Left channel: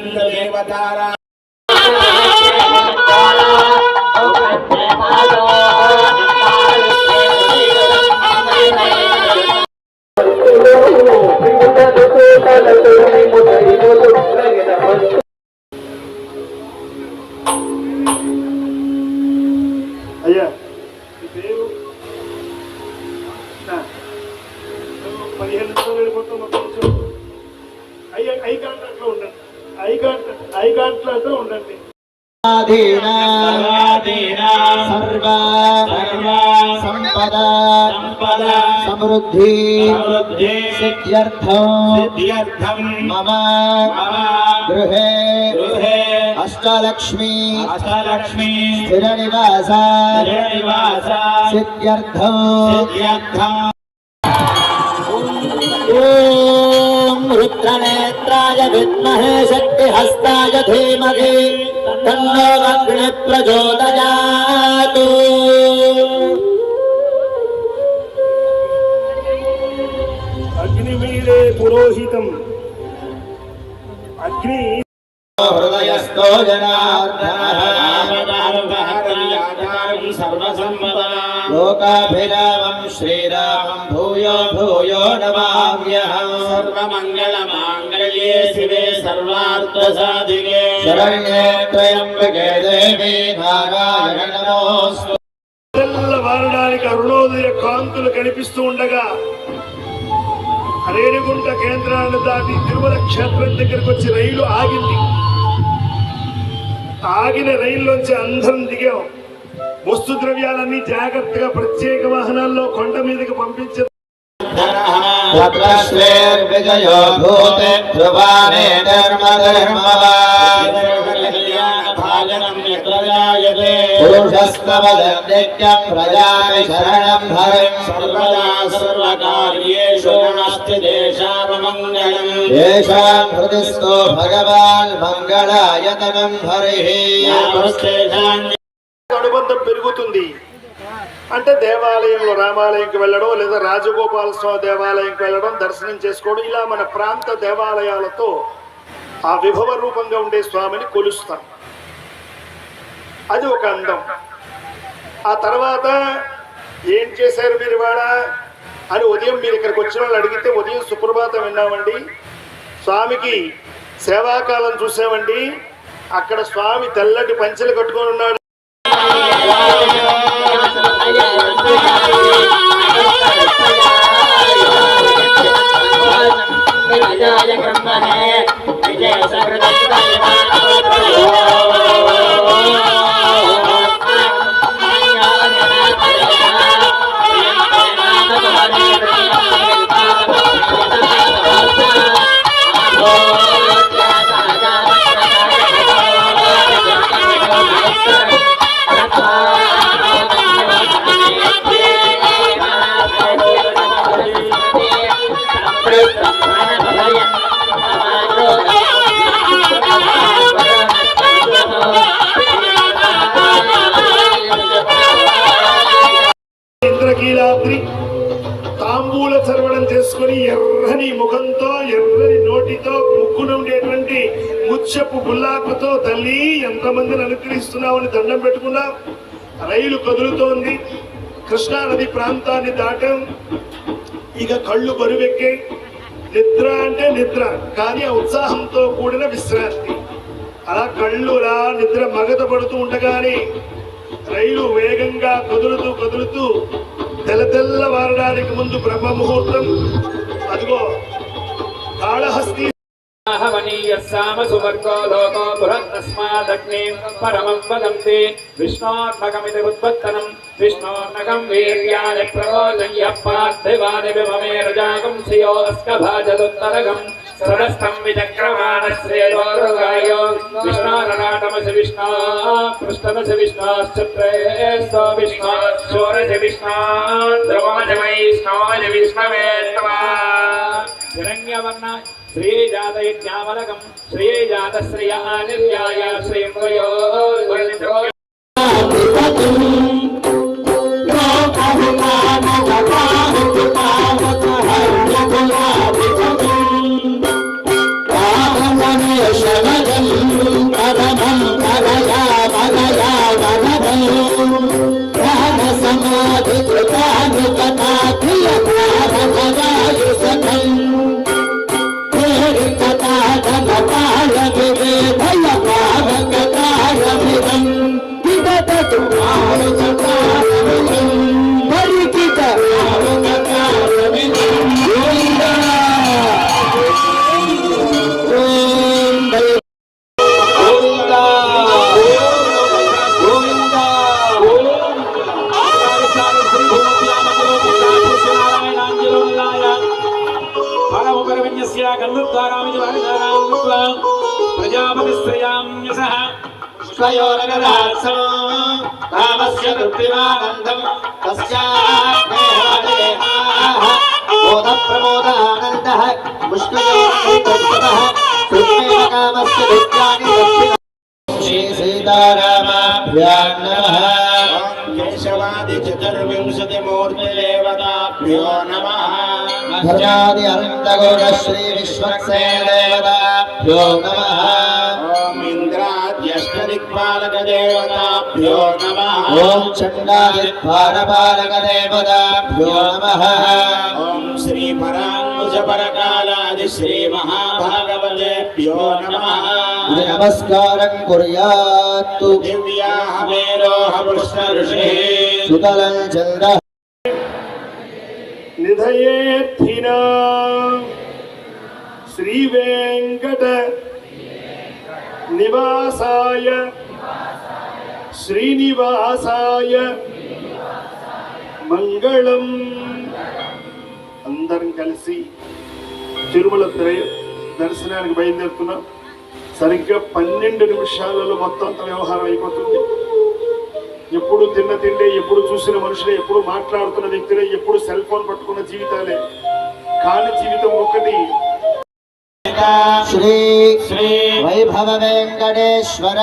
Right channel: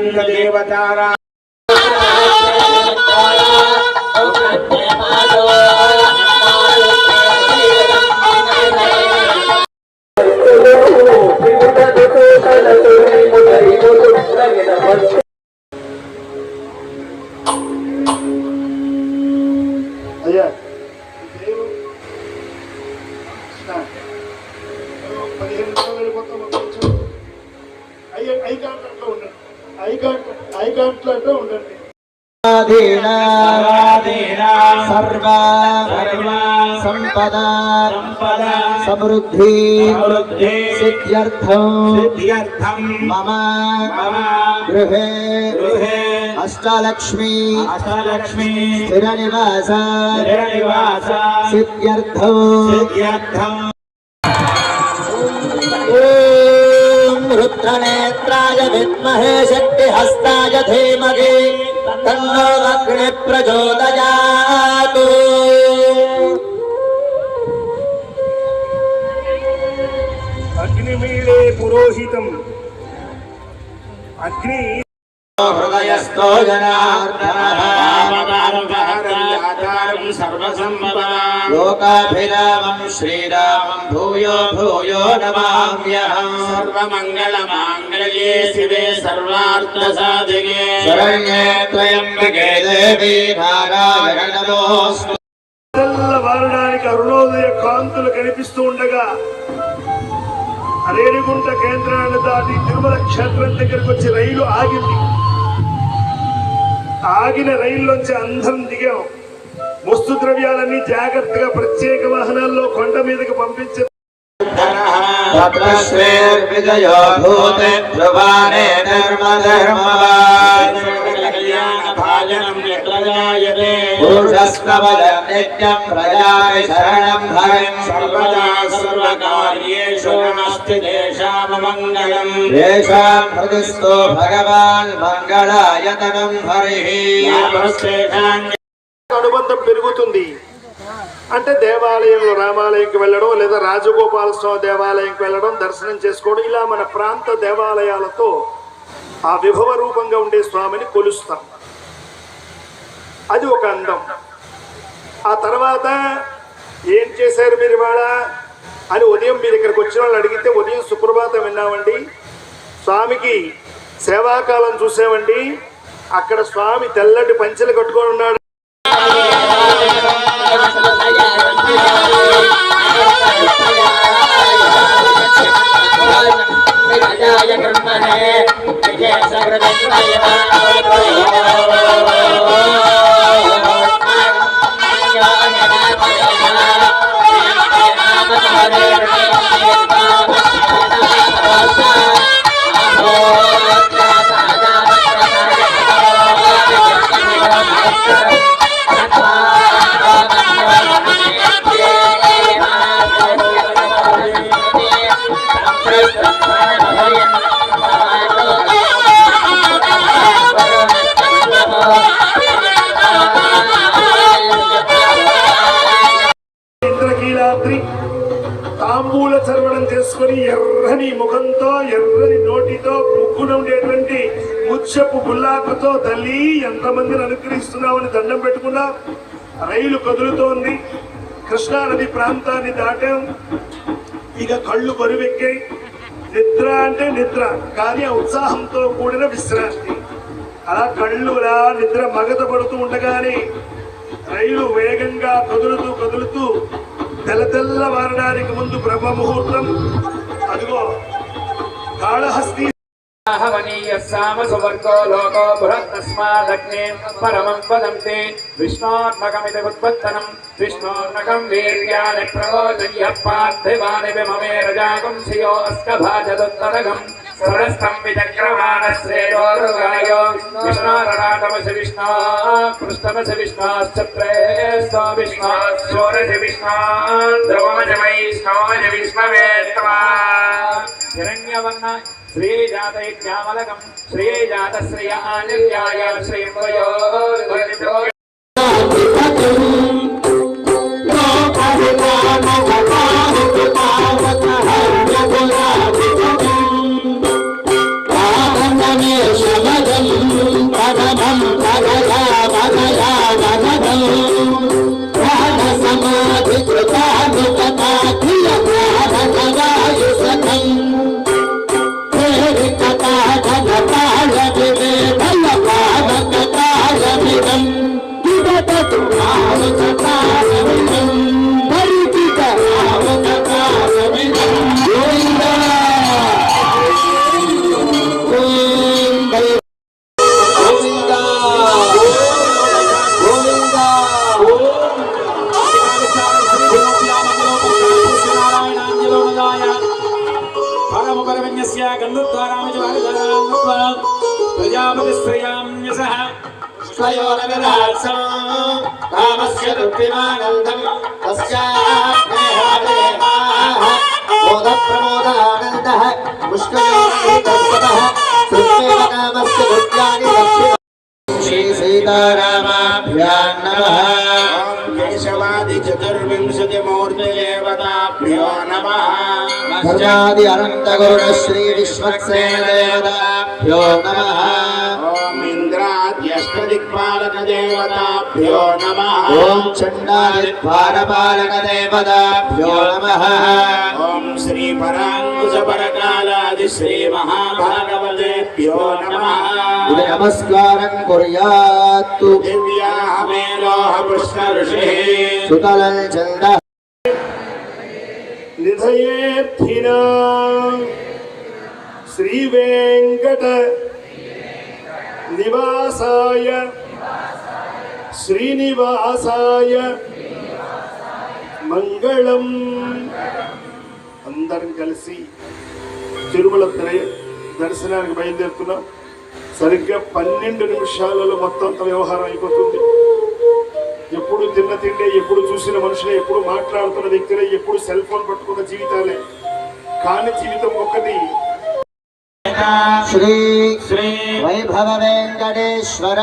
देवतारा అయ్యా పేరు 15 నిమిషాలు వెళ్ళిపోతాం మొత్తం అయ్యా ఐకాంట్లో ఉండండి సర్వ సంపద సమృద్ధి సిద్ధ్యర్థం మమ గృహే అష్టలక్ష్మి స్థిర నివాస సిద్ధ్యర్థం रुद्रनेत्राय विद्महे शक्तिहस्ताय धीमहि तन्नो अग्निः प्रचोदयात्। अग्निमीळे पुरोहितम् अग्नि हृदयस्थो जनार्दनः लोकाभिरामं श्रीरामं भूयो भूयो नमाम्यहम्। सर्वमङ्गलमाङ्गल्ये शिवे सर्वार्थसाधिके शरण्ये त्र्यम्बके देवी नारायण नमोऽस्तु। తెల్లవారడానికి అరుణోదయ కాంతులు కనిపిస్తూ ఉండగా రేణిగుంట కేంద్రాన్ని దాటి తిరుమల క్షేత్రం దగ్గరికి వచ్చి రైలు ఆగింది. ఆగిన రైల్లోంచి అందరం దిగాం. వస్తు ద్రవ్యాలన్నీ జాగ్రత్తగా ప్రత్యేక వాహనాల్లో కొండ మీదకి పంపించారు. విజయో భూతే ధ్రువానే ధర్మధర్మవాన్ పురుషస్తమజం నిత్యం ప్రజామి శరణం హరిం సర్వదా సర్వకార్యేషు నాస్తి దేశామమంగళం దేశాం హృదిస్థో భగవాన్ మంగళాయతనం హరిః. అనుబంధం పెరుగుతుంది అంటే దేవాలయంలో రామాలయంకి వెళ్ళడం లేదా రాజగోపాల స్వామి దేవాలయంకి వెళ్ళడం దర్శనం చేసుకోవడం ఇలా మన ప్రాంత దేవాలయాలతో ఆ విభవ రూపంగా ఉండే స్వామిని కొలుస్తాం. అది ఒక అందం. ఆ తర్వాత ఏం చేశారు మీరు ఇవాళ అని ఉదయం మీరు ఇక్కడికి వచ్చిన వాళ్ళు అడిగితే ఉదయం సుప్రభాతం విన్నామండి, స్వామికి సేవాకాలం చూసామండి, అక్కడ స్వామి తెల్లటి పంచెలు కట్టుకొని ఉన్నాడు. ఇంద్రకీలాద్రి తాంబూల చర్వణం చేసుకుని ఎర్రని ముఖంతో ఎర్రని నోటితో ముక్కున ఉండేటువంటి ముత్యపు గుల్లాకుతో తల్లి ఎంతమందిని అనుగ్రహిస్తున్నామని దండం పెట్టుకున్నా. రైలు కదులుతోంది. కృష్ణానది ప్రాంతాన్ని దాటాం. ఇక కళ్ళు బరువెక్కాయి. నిద్ర అంటే నిద్ర కానీ ఆ ఉత్సాహంతో కూడిన విశ్రాంతి. అలా కళ్ళులా నిద్ర మగత పడుతూ ఉండగానే రైలు వేగంగా కదులుతూ తెల్లవారడానికి ముందు బ్రహ్మ ముహూర్తం. అదిగో కాళహస్తి సువర్గో లోకో బృహత్తస్మాదగ్నే పరమం వదంతే విష్ణోర్నకమితి ఉత్పత్తనం విష్ణోర్నకం వీర్యాని ప్రమోదయ్య పార్థివాని విమమే రజాగం శ్రియో అస్కభాజదుత్తరగం సరస్థం విచక్రవాణ శ్రేయోరుగాయో విష్ణోరనాటమసి విష్ణో పృష్ఠమసి విష్ణోశ్చత్రే స్థో విష్ణో షోరసి విష్ణో ద్రవమసి వైష్ణోజ విష్ణవే హిరణ్యవర్ణ శ్రీజాతైత్యామలకం శ్రీజాత శ్రియ నిర్యాయ శ్రీమయో శబద स्वयोरनुरासो कामस्य दुर्विमानन्दम् तस्याग्नेहादेहाः बोधप्रमोदानन्दः मुष्कयोस्ततः कृष्णेन कामस्य दुर्गानि लक्ष्मी श्री सीतारामाभ्यां नमः केशवादि चतुर्विंशतिमूर्तिदेवताभ्यो नमः धर्मादि अनन्तगुण श्री विश्वक्सेन देवताभ्यो नमः ॐ इन्द्राद्यष्टदिक्पालकदेवताभ्यो नमः ॐ चण्डादिद्वारपालकदेवताभ्यो नमः ॐ श्रीपराङ्कुशपरकालादि श्रीमहाभागवतेभ्यो नमः इति नमस्कारं कुर्यात् दिव्याहमेरोह पुष्कऋषिः सुतलं चन्द्रः నిధయేర్థిన శ్రీ వెంకట నివాసాయ శ్రీనివాసాయ మంగళం. అందరం కలిసి తిరుమల దర్శనానికి బయలుదేరుతున్నాం. సరిగ్గా 12 నిమిషాలలో మొత్తం వ్యవహారం అయిపోతుంది. ఎప్పుడు తిన్న తిండే, ఎప్పుడు చూసిన మనుషులే, ఎప్పుడు మాట్లాడుతున్న వ్యక్తులే, ఎప్పుడు సెల్ ఫోన్ పట్టుకున్న జీవితాలే. కానీ జీవితం ఒక్కటి. श्री श्री वैभव वेंकटेश्वर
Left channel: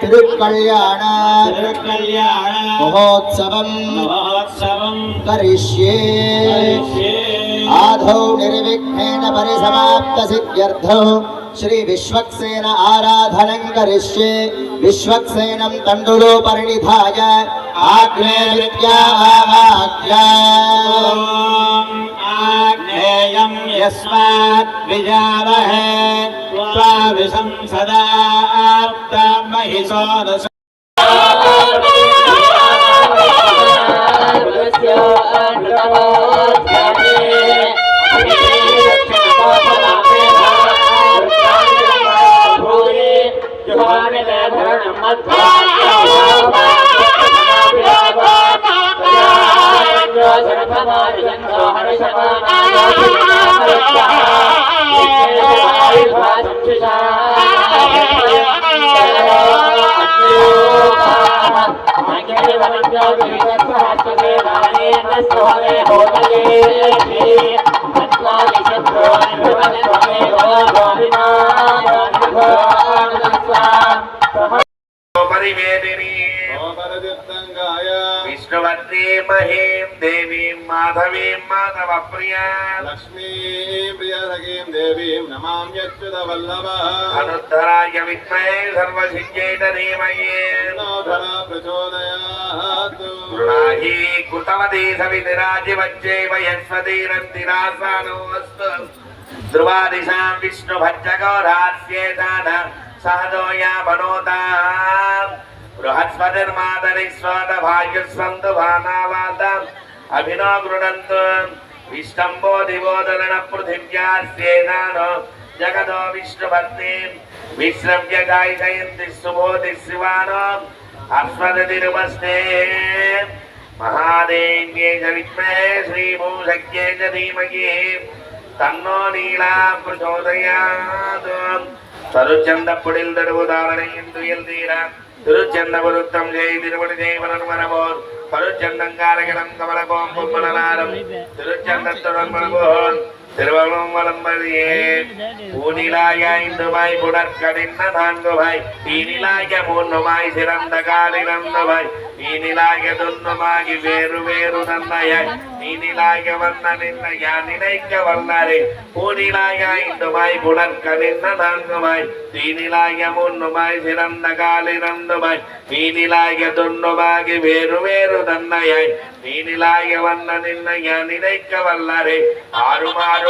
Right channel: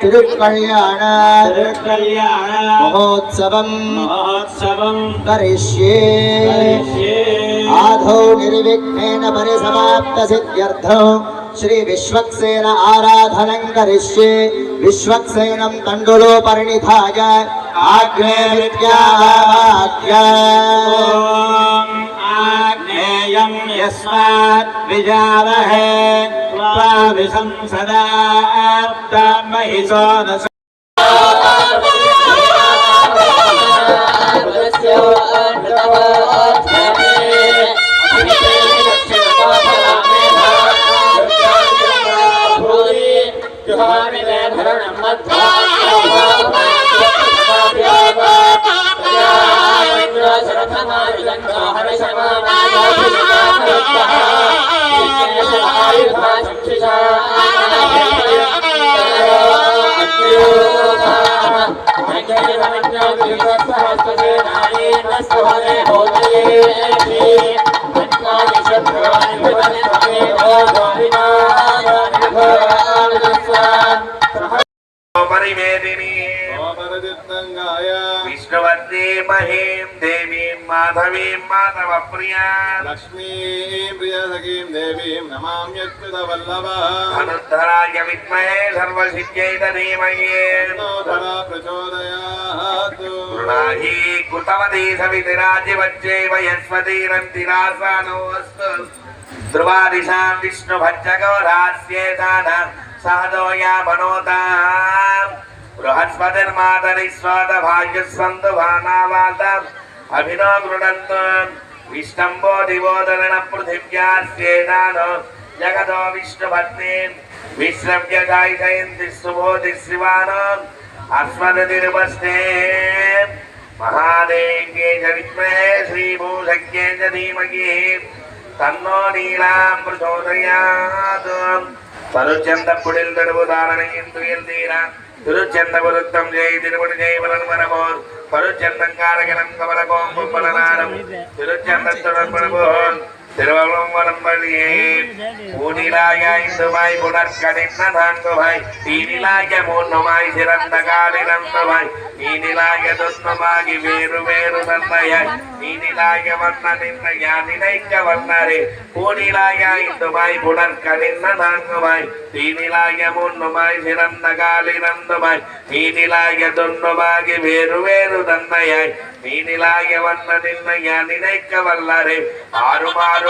तिरुकल्याण महोत्सवम् करिष्ये आधौ निर्विघ्नेन परिसमाप्तसिद्ध्यर्थौ श्री विश्वक्सेन आराधनं करिष्ये. विश्वक्सेनं तण्डुलो परिणिधाय आग्ने विद्यावाक्या आग्नेयं यस्मात् विजावहे त्वाविशं सदा आप्तमहिषो न विष्णुवन्दे महीं देवीं माधवीं माधवप्रिया लक्ष्मीं प्रियसखीं देवीं नमाम्यच्युतवल्लभः अनुद्धराय विद्महे सर्वसिद्ध्यै धीमहि फला प्रचोदयात् गृणाहि कृतवती सवितिराजिवच्चैव यस्वतीरन्तिरासानो अस्तु ध्रुवादिशां विष्णुभज्जगौरास्येतान सहजो या बनोताम् बृहस्पतिर्मातरिस्वादभाग्यस्सन्तुभानावातम् अभिनो गृणन्तु विष्टम्बो दिवोदरण पृथिव्यास्येतानो जगतो विष्णुपत्नीम् विश्रव्य जायितयन्ति सुबोधिः शिवानो अस्मदतिरुपस्ते महादेव्यै च विद्महे श्रीभूषज्ञै च धीमहि तन्नो नीलां प्रचोदयात् तरुचन्दपुडिल् दरुवुदारणयन्तु यल्दीरा திருச்செந்தபுருத்தம் ஜெய் திருவடி ஜெய் வளர்மரமோர் பருச்சந்தங்காரகணம் கமலகோம் பொம்மனாரம் திருச்சந்தத்துடன் மனகோம் திருவள்ளம் வளம்பலியே ஊனிலாய இந்துவாய் புடற்கடிந்த தாங்குவாய் தீனிலாய மூன்றுமாய் சிறந்த காலிறந்துவாய் நீனிலாய துன்பமாகி வேறு வேறு தந்தையாய் நீனிலாய வந்த நின்ற யான் நினைக்க வல்லரே ஊனிலாய இந்துவாய் புடற்கடிந்த தாங்குவாய் தீனிலாய மூன்றுமாய் சிறந்த காலிறந்துவாய் நீனிலாய துன்பமாகி வேறு வேறு தந்தையாய் நீனிலாய வந்த நின்ற யான் நினைக்க வல்லரே ஆறுமாய்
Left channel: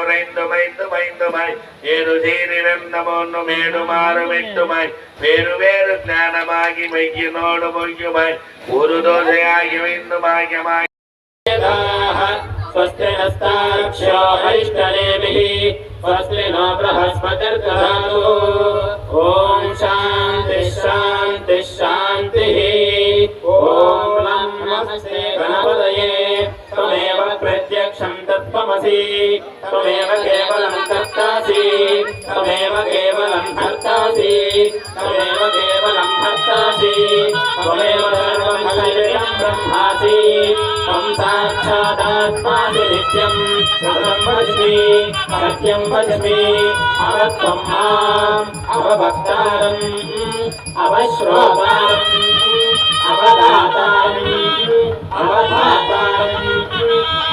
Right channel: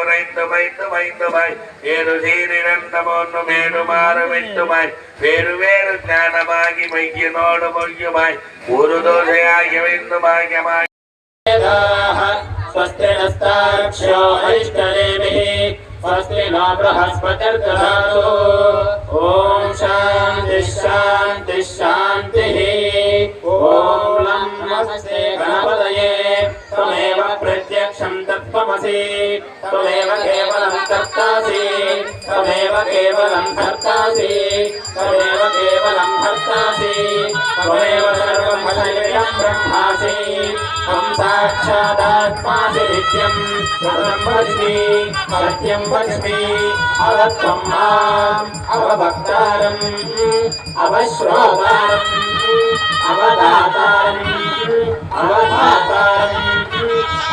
உறைந்து வைத்து வைத்துமாய் ஏறு சீரிழந்த போன்னு மேடுமாறுமிட்டுமாய் வேறு வேறு ஞானமாகி மையினோடு மொய்யுமாய் ஒரு தோசையாகி வைத்து பாக்கியமாய் स्वस्ति नस्तार्क्ष्यो हरिष्टनेमिः स्वस्ति नो बृहस्पतिर्दधातु ॐ शान्तिः शान्तिः शान्तिः ॐ लं नमस्ते गणपतये त्वमेव प्रत्यक्षं तत्त्वमसि त्वमेव केवलं तत्तासि त्वमेव केवलं सत्यं वच्मि अवक्तं माम् अवभक्तारम् अवश्रोतारम् अवदातारम् अवधातारम्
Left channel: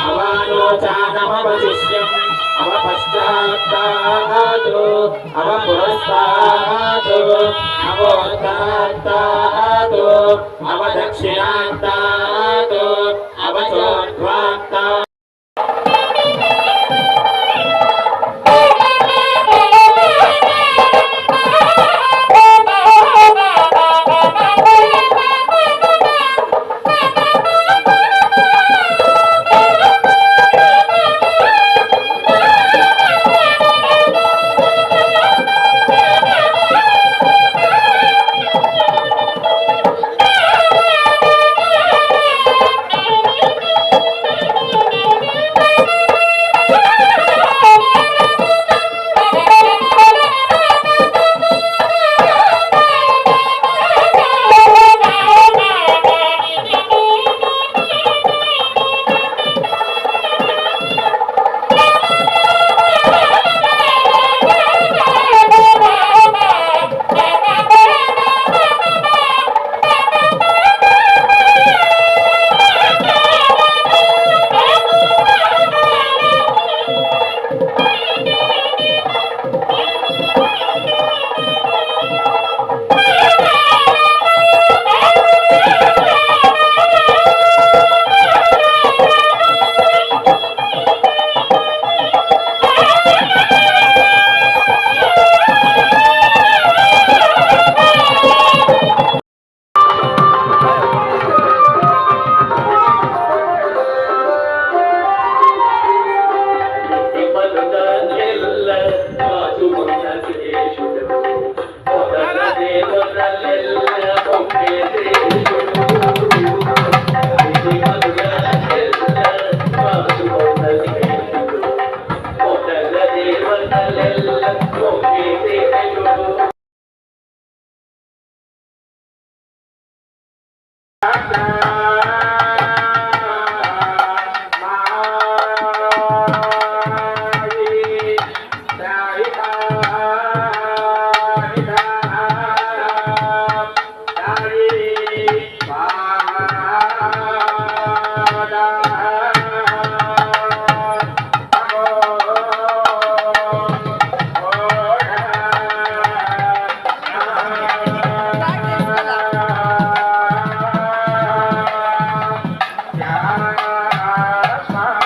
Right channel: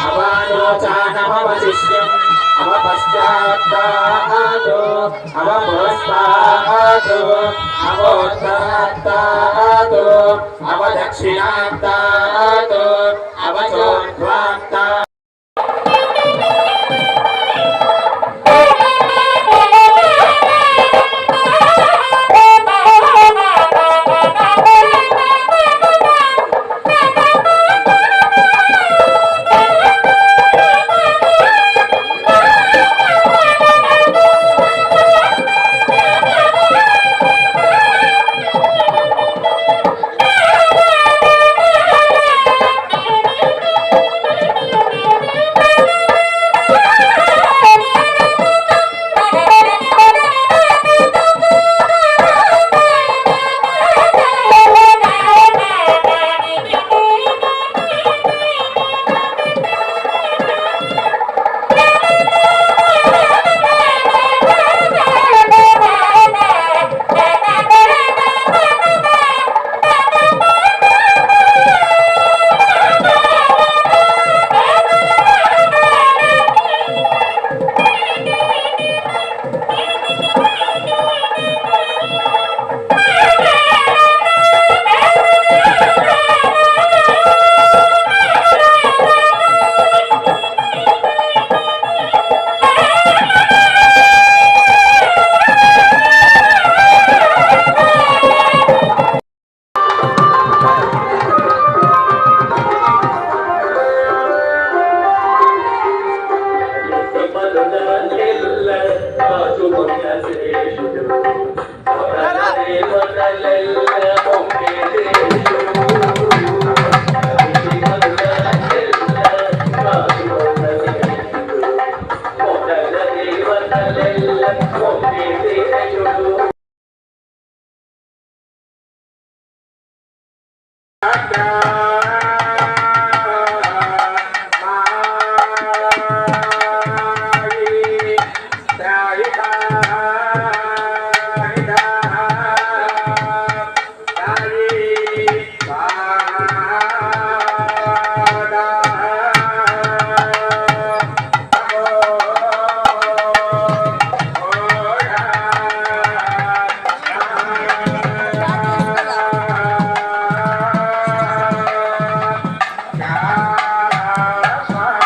अवालोचानमवशिष्यम् अवपश्चात्तातो अवपुरस्तातो अवोत्तरात्तातो अवदक्षिणात्तातो